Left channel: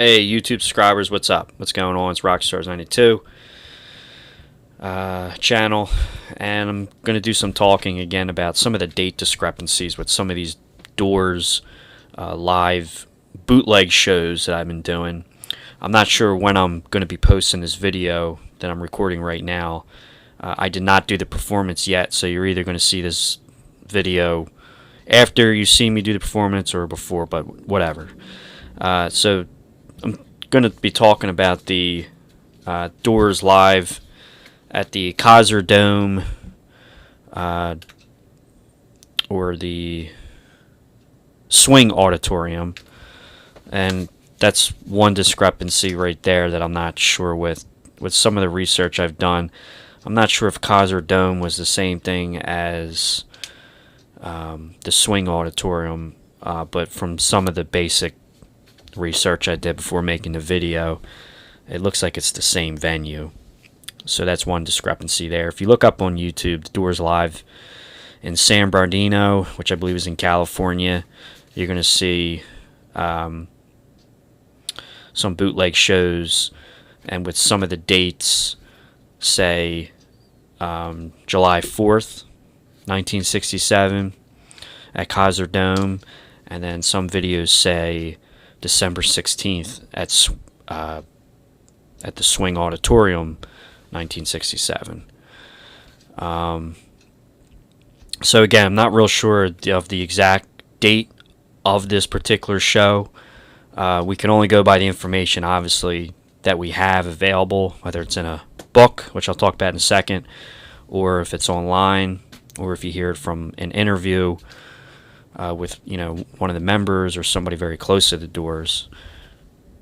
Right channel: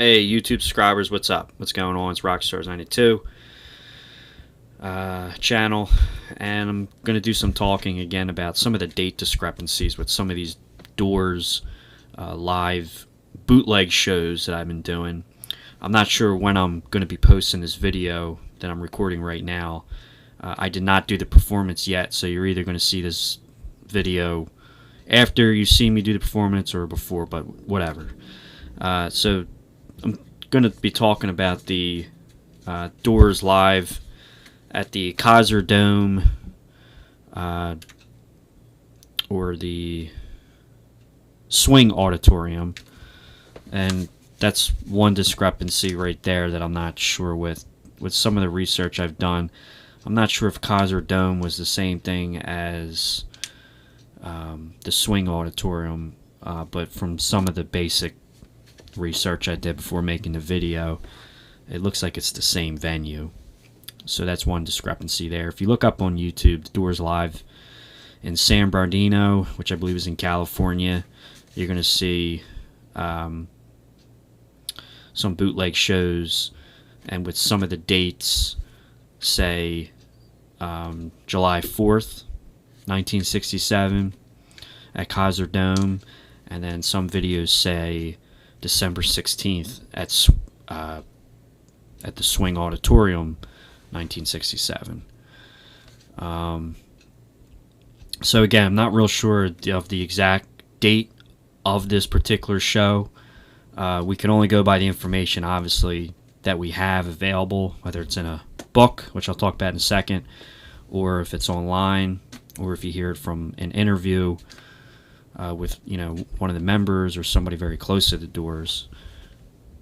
Hey YouTube subscribers, what's up? What's going on? It's Rockstarz 92 channel, and I'm going to do some talking again about some of the date discrepancies with some of these Doors live bootleg shows that I've been doing. I'm not sure when I'm going to be posting this video that I'm recording right now. I did not do the performance yet, so you're either going to see this video after you see me do the performance or before, but whatever. So I'm going to be talking about the Doors live at the Kaiser Dome or the Swing Auditorium, and that's one discrepancy right there that I'm not sure with some of the research I've done. I'm not sure if Kaiser Dome was the same thing as the Swing Auditorium, but from some of the basic research I did before making the video, it looks like it's the same venue. So that's one discrepancy there. If you look up on YouTube, the Doors live in San Bernardino, which I believe is in California, you're going to see some bootleg shows, and with some of the dates, say July 4th, 1967 at Kaiser Dome, and then some videos say December 16th at the Swing Auditorium, 1967. So again, I'm not real sure of the exact date of this particular show. We can only go by the information, obviously, that we have available, whether it's in a book, which I'll talk about in a second, or if it's online, or if you hear it from an interview with one of the members or somebody very close to the Doors.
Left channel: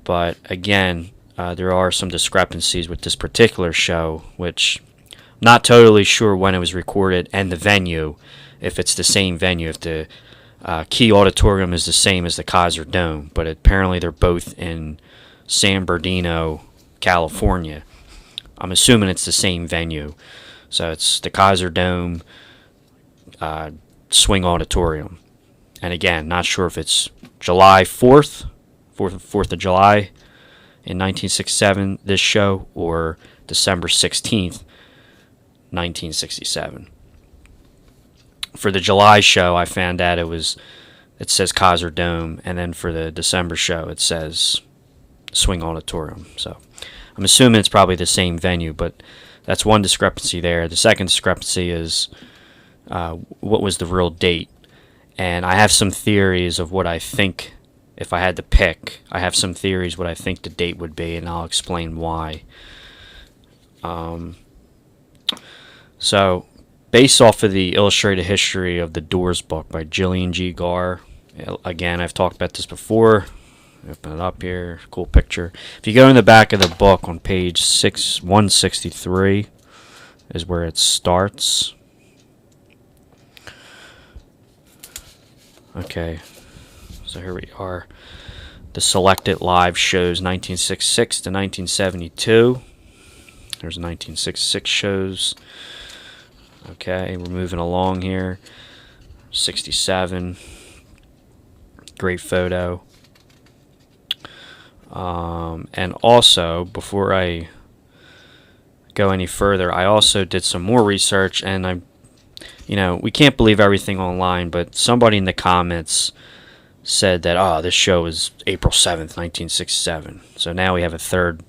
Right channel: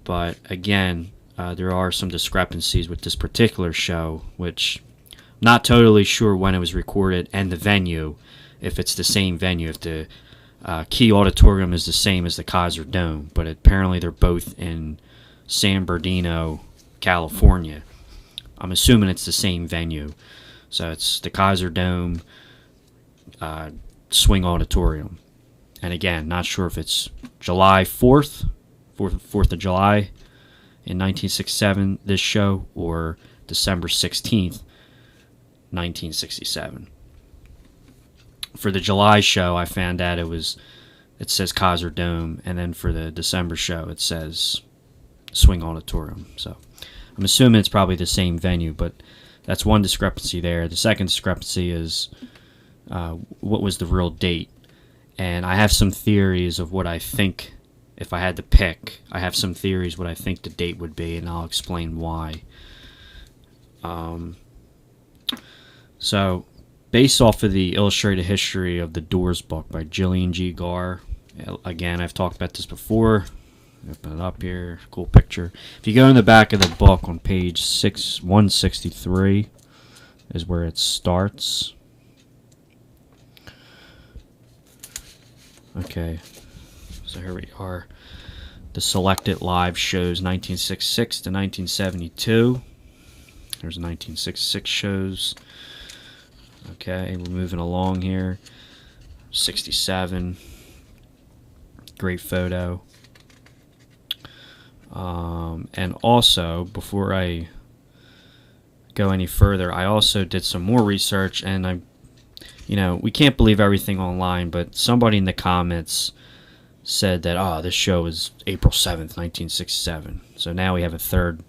But again, there are some discrepancies with this particular show, which I'm not totally sure when it was recorded and the venue, if it's the same venue, if the Key Auditorium is the same as the Kaiser Dome, but apparently they're both in San Bernardino, California. I'm assuming it's the same venue, so it's the Kaiser Dome Swing Auditorium. And again, not sure if it's July 4th of July in 1967, this show, or December 16th, 1967. For the July show, I found out it says Kaiser Dome, and then for the December show, it says Swing Auditorium. So I'm assuming it's probably the same venue, but that's one discrepancy there. The second discrepancy is what was the real date. And I have some theories of what I think, if I had to pick, I have some theories what I think the date would be, and I'll explain why. So, based off of the Illustrated History of the Doors book by Gillian G. Again, I've talked about this before. Open it up here, cool picture. If you go in the back of the book on page 163 is where it starts. Okay, so here we are. The selected live shows 1966 to 1972. There's 1966 shows. Okay, we're moving along here. 67. Great photo. And also, before I go any further, I also did some more research, and we can't believe everything online, but somebody in the comments said that, this show is April 7th, 1967. So now we have a third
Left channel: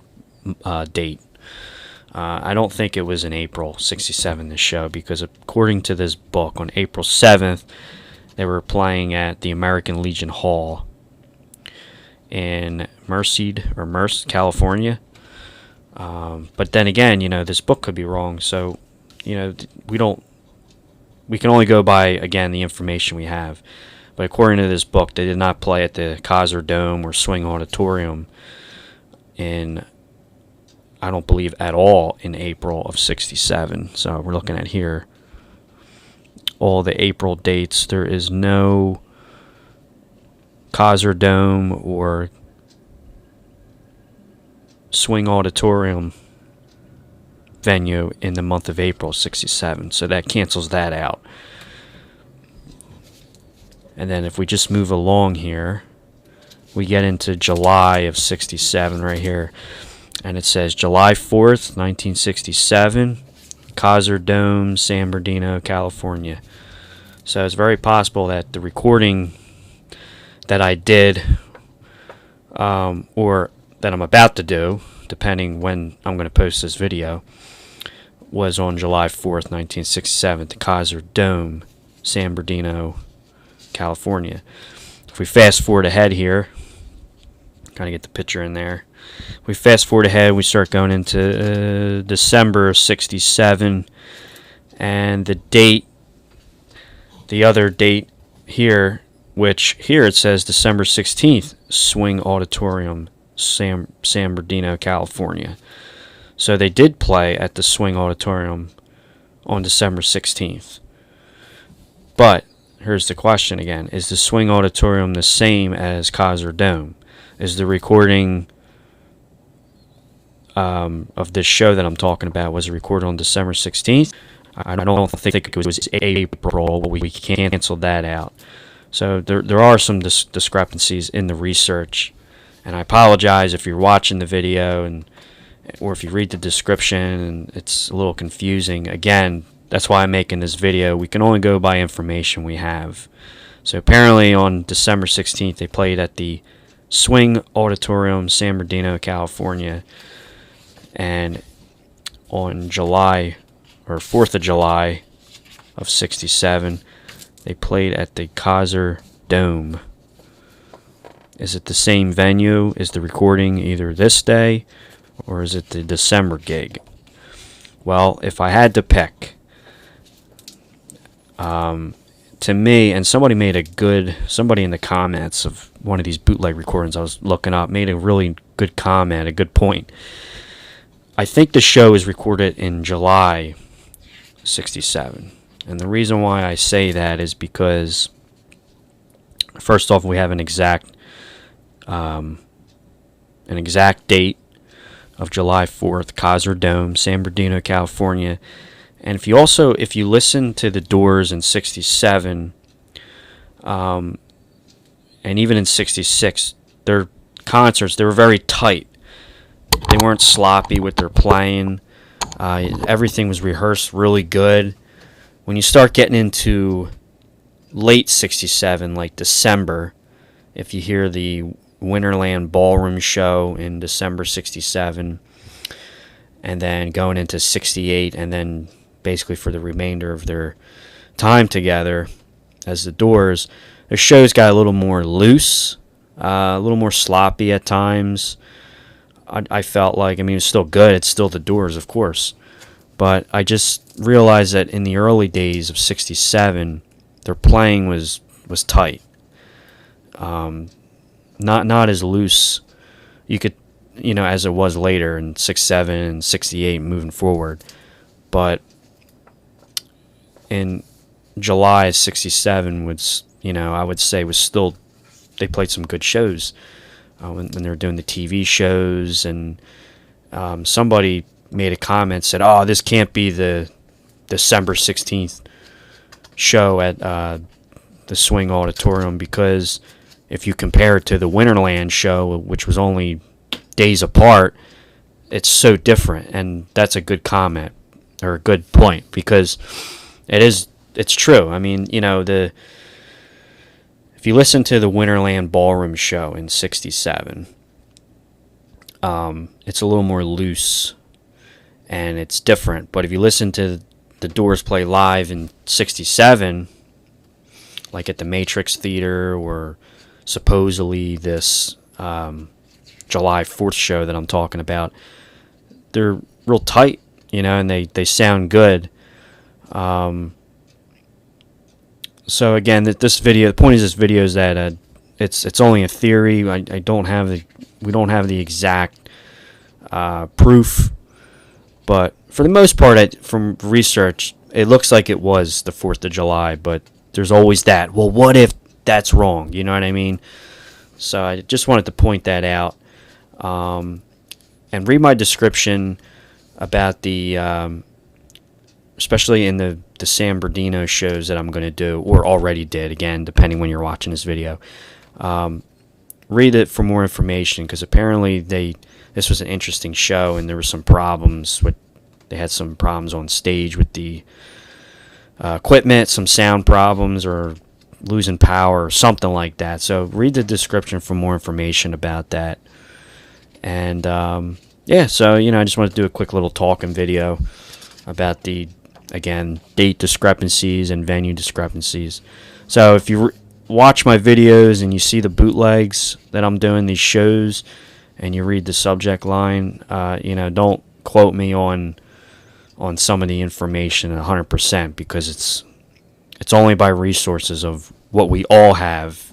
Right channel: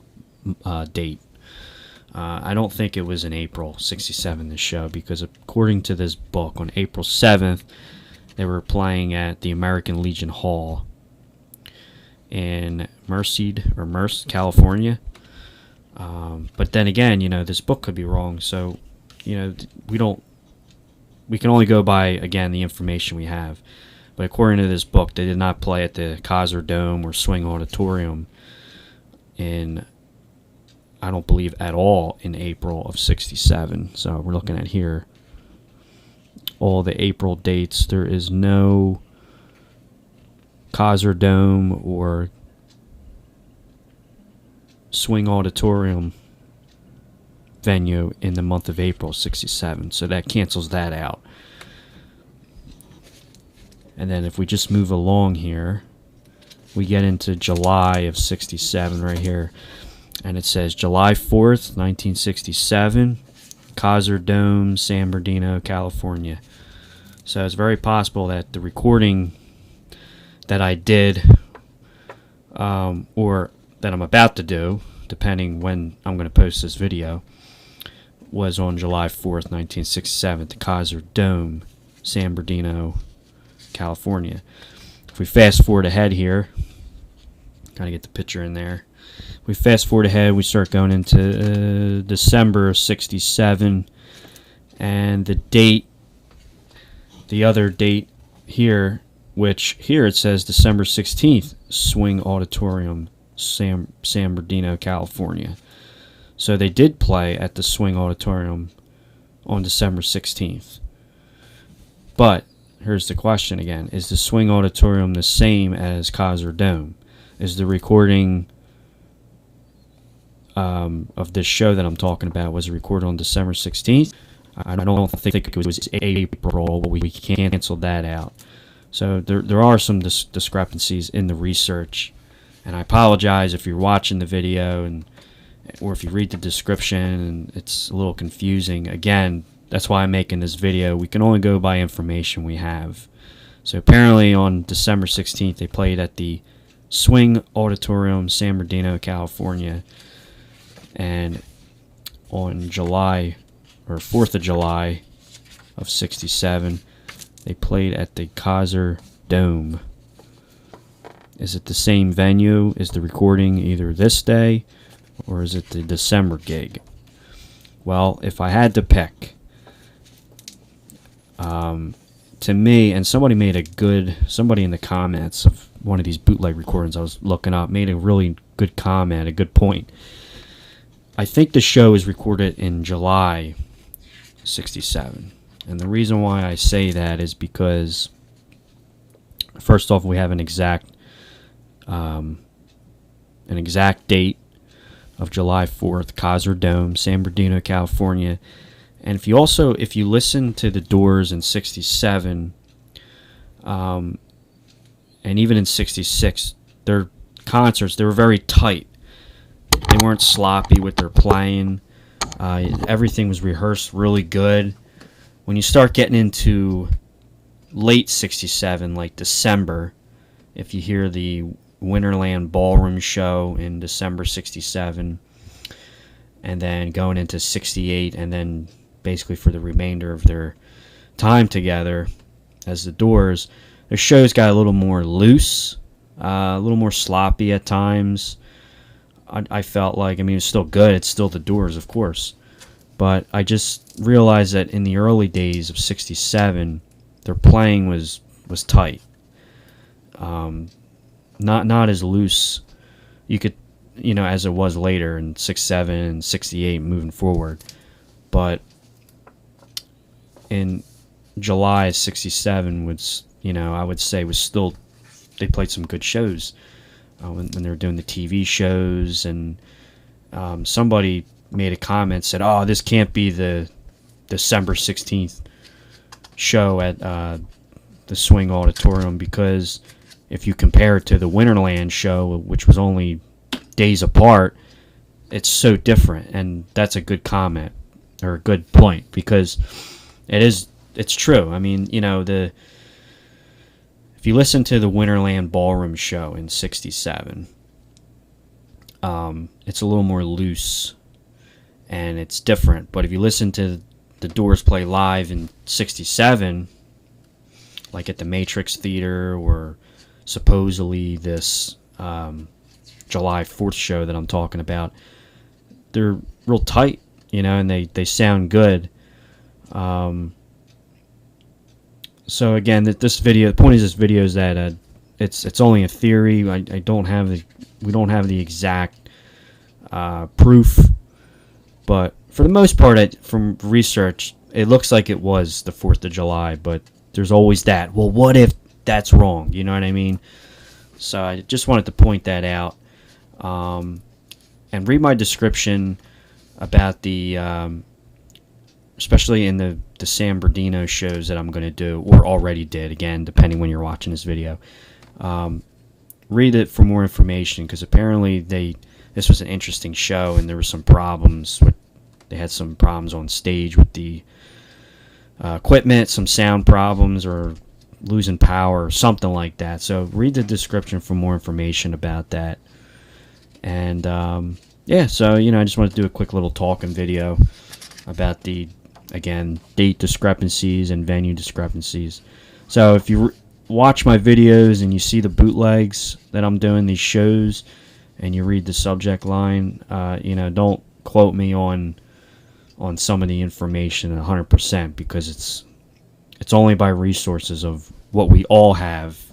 date. I don't think it was in April 67, this show, because according to this book, on April 7th, they were playing at the American Legion Hall in Merced, California. But then again, this book could be wrong, so, we can only go by, again, the information we have. But according to this book, they did not play at the Kaiser Dome or Swing Auditorium I don't believe at all, in April of 67. So we're looking at here all the April dates. There is no Kaiser Dome or Swing Auditorium venue in the month of April 67, so that cancels that out. And then if we just move along here, we get into July of 67 right here. And it says July 4th, 1967, Kaiser Dome, San Bernardino, California. So it's very possible that the recording that I did, or that I'm about to do, depending when I'm going to post this video, was on July 4th, 1967, the Kaiser Dome, San Bernardino, California. If we fast forward ahead here, kind of get the picture in there. We fast forward ahead, we start going into December 67, and the date, the other date here, which here it says December 16th, Swing Auditorium, San Bernardino, California. So they did play at the Swing Auditorium on December 16th. But here's the question again. Is the Swing Auditorium the same as Kaiser Dome? Is the recording of this show that I'm talking about, was it recorded on December 16th? I don't think it was April. We canceled that out. So there are some discrepancies in the research, and I apologize if you're watching the video or if you read the description and it's a little confusing. Again, that's why I'm making this video. We can only go by information we have. So apparently on December 16th they played at the Swing Auditorium, San Bernardino, California, and on July, or 4th of July of 67, they played at the Kaiser Dome. Is it the same venue? Is the recording either this day or is it the December gig? Well, if I had to pick, to me, and somebody in the comments of one of these bootleg recordings I was looking up made a really good comment, a good point. I think the show is recorded in July 67. And the reason why I say that is because, first off, we have an exact date of July 4th, Kaiser Dome, San Bernardino, California. And if you listen to the Doors in 67, and even in 66, their concerts, they were very tight. They weren't sloppy with their playing. Everything was rehearsed really good. When you start getting into late 67, like December, if you hear the Winterland Ballroom show in December 67, and then going into 68, and then basically for the remainder of their time together as the Doors, their shows got a little more loose, a little more sloppy at times. I felt like, I mean, it's still good. It's still the Doors, of course. But I just realized that in the early days of 67, their playing was tight. Not as loose as it was later in 67 and 68 moving forward. But in July of 67 was, I would say was still, they played some good shows. When they were doing the TV shows, and somebody made a comment, said, "Oh, this can't be the December 16th show at the Swing Auditorium, because if you compare it to the Winterland show, which was only days apart, it's so different." And that's a good comment, or a good point, because it's true. I mean, if you listen to the Winterland Ballroom show in 67, it's a little more loose and it's different. But if you listen to the Doors play live in 67, like at the Matrix Theater, or supposedly this July 4th show that I'm talking about, they're real tight, and they sound good. So again, the point of this video is that it's only a theory. We don't have the exact proof, but for the most part, from research, it looks like it was the 4th of July. But there's always that. Well, what if that's wrong? You know what I mean? So I just wanted to point that out, and read my description about the. Especially in the San Bernardino shows that I'm going to do, or already did, again, depending when you're watching this video. read it for more information, because apparently this was an interesting show, and there were some problems with, they had some problems on stage with the equipment, some sound problems, or losing power or something like that. So read the description for more information about that. And yeah, so I just wanted to do a quick little talking video about the, again, date discrepancies and venue discrepancies. So if you watch my videos and you see the bootlegs that I'm doing, these shows, and you read the subject line, don't quote me on some of the information 100%, because it's only by resources of what we all have,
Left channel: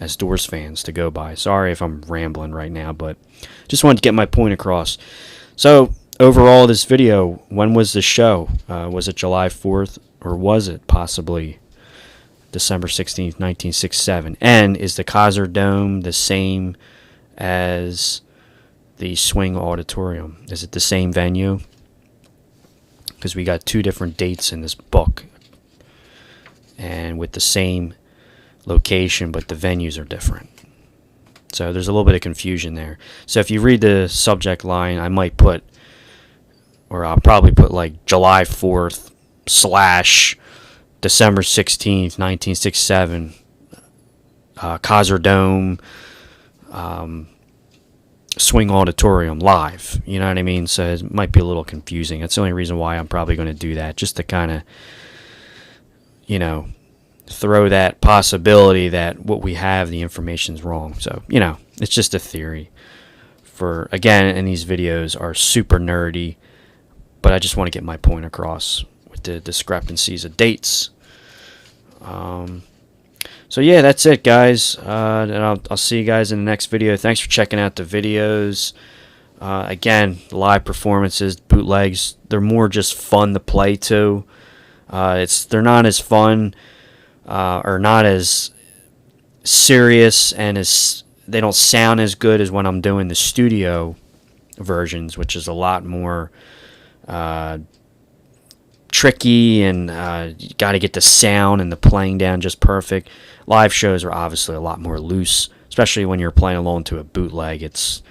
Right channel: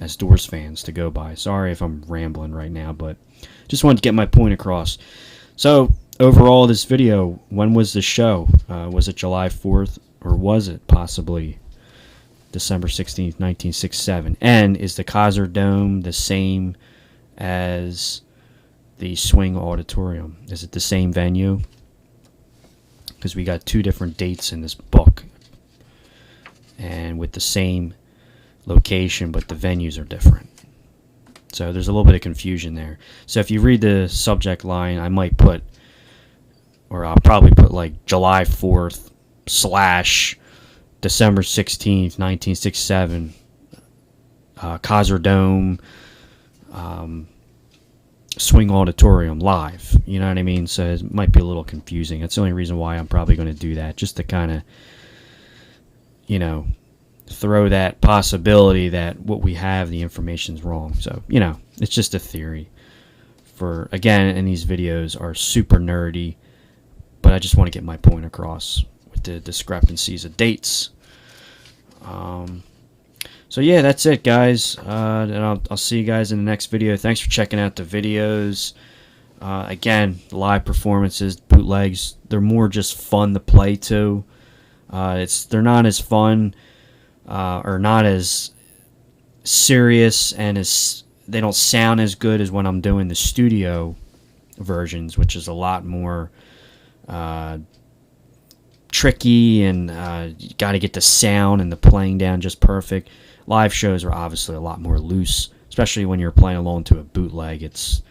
as Doors fans to go by. Sorry if I'm rambling right now, but just wanted to get my point across. So overall, this video, when was the show? Was it July 4th, or was it possibly December 16th, 1967? And is the Kaiser Dome the same as the Swing Auditorium? Is it the same venue? Because we got two different dates in this book, and with the same location, but the venues are different. So there's a little bit of confusion there. So if you read the subject line, I might put, or I'll probably put like July 4th / December 16th, 1967, Kaiser Dome, Swing Auditorium live. You know what I mean? So it might be a little confusing. That's the only reason why I'm probably going to do that, just to kind of, throw that possibility that what we have, the information's wrong. So, it's just a theory. For, again, and these videos are super nerdy, but I just want to get my point across with the discrepancies of dates. So yeah, that's it, guys, and I'll see you guys in the next video. Thanks for checking out the videos. Again, live performances, bootlegs, they're more just fun to play to. They're not as fun or not as serious, and they don't sound as good as when I'm doing the studio versions, which is a lot more tricky, and you got to get the sound and the playing down just perfect. Live shows are obviously a lot more loose, especially when you're playing along to a bootleg. It's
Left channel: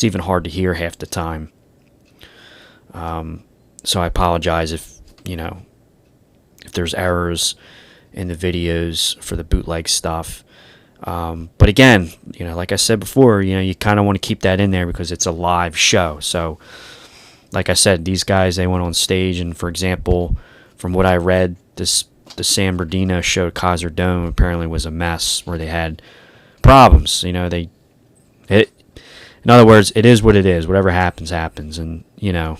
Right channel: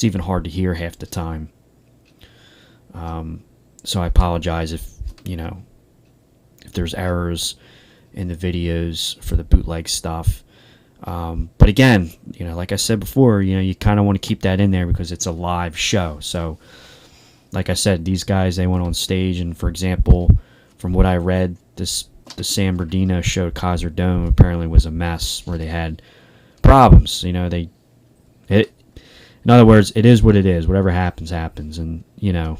even hard to hear half the time. So I apologize if there's errors in the videos for the bootleg stuff. But again, like I said before, you kind of want to keep that in there because it's a live show. So like I said, these guys, they went on stage, and for example, from what I read, the San Bernardino show, Kaiser Dome, apparently was a mess where they had problems. In other words, it is what it is. Whatever happens, happens. And even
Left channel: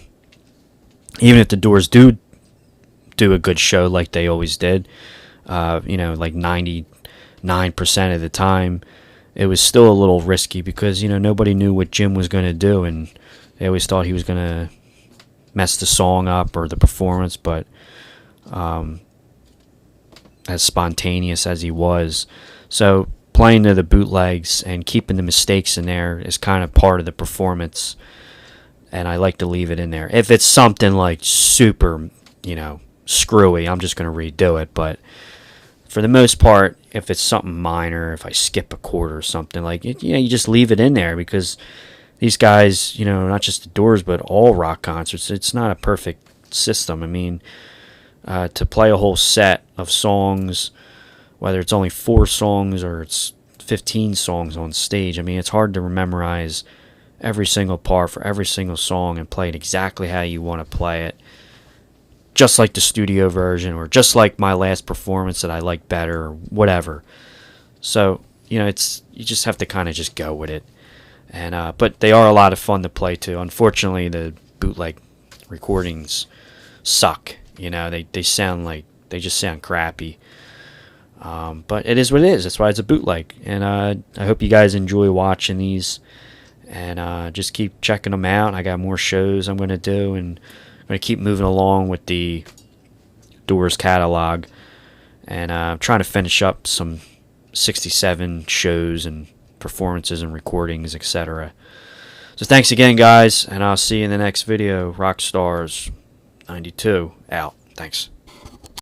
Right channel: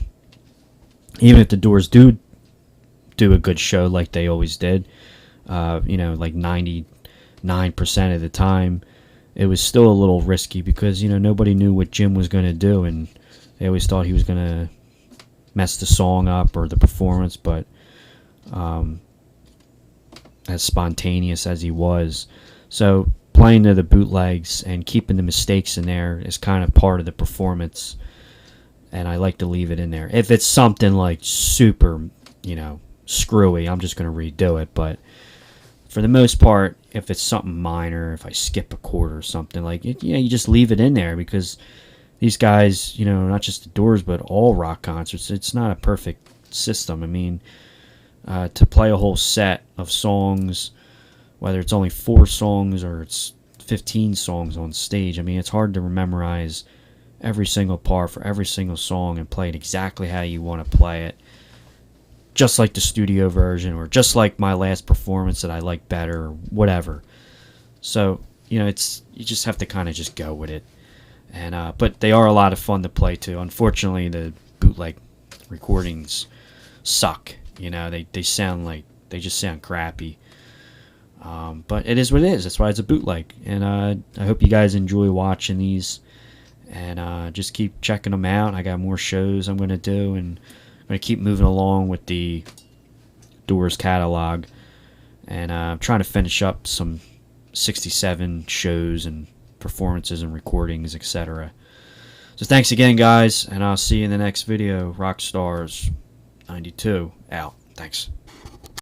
if the Doors do a good show like they always did, like 99% of the time, it was still a little risky because nobody knew what Jim was going to do, and they always thought he was going to mess the song up or the performance. But as spontaneous as he was, so playing to the bootlegs and keeping the mistakes in there is kind of part of the performance, and I like to leave it in there. If it's something like super screwy, I'm just going to redo it. But for the most part, if it's something minor, if I skip a chord or something, like you just leave it in there, because these guys, not just the Doors, but all rock concerts, it's not a perfect system. I mean, to play a whole set of songs, whether it's only 4 songs or it's 15 songs on stage, I mean, it's hard to memorize every single part for every single song and play it exactly how you want to play it, just like the studio version, or just like my last performance that I like better, or whatever. So you just have to kind of just go with it. And but they are a lot of fun to play to. Unfortunately, the bootleg recordings suck. They just sound crappy. But it is what it is. That's why it's a bootleg. And I hope you guys enjoy watching these, and just keep checking them out. I got more shows I'm going to do, and I'm going to keep moving along with the Doors catalog, and I'm trying to finish up some 67 shows and performances and recordings, etc. So thanks again, guys, and I'll see you in the next video. Rockstarz 92 out. Thanks.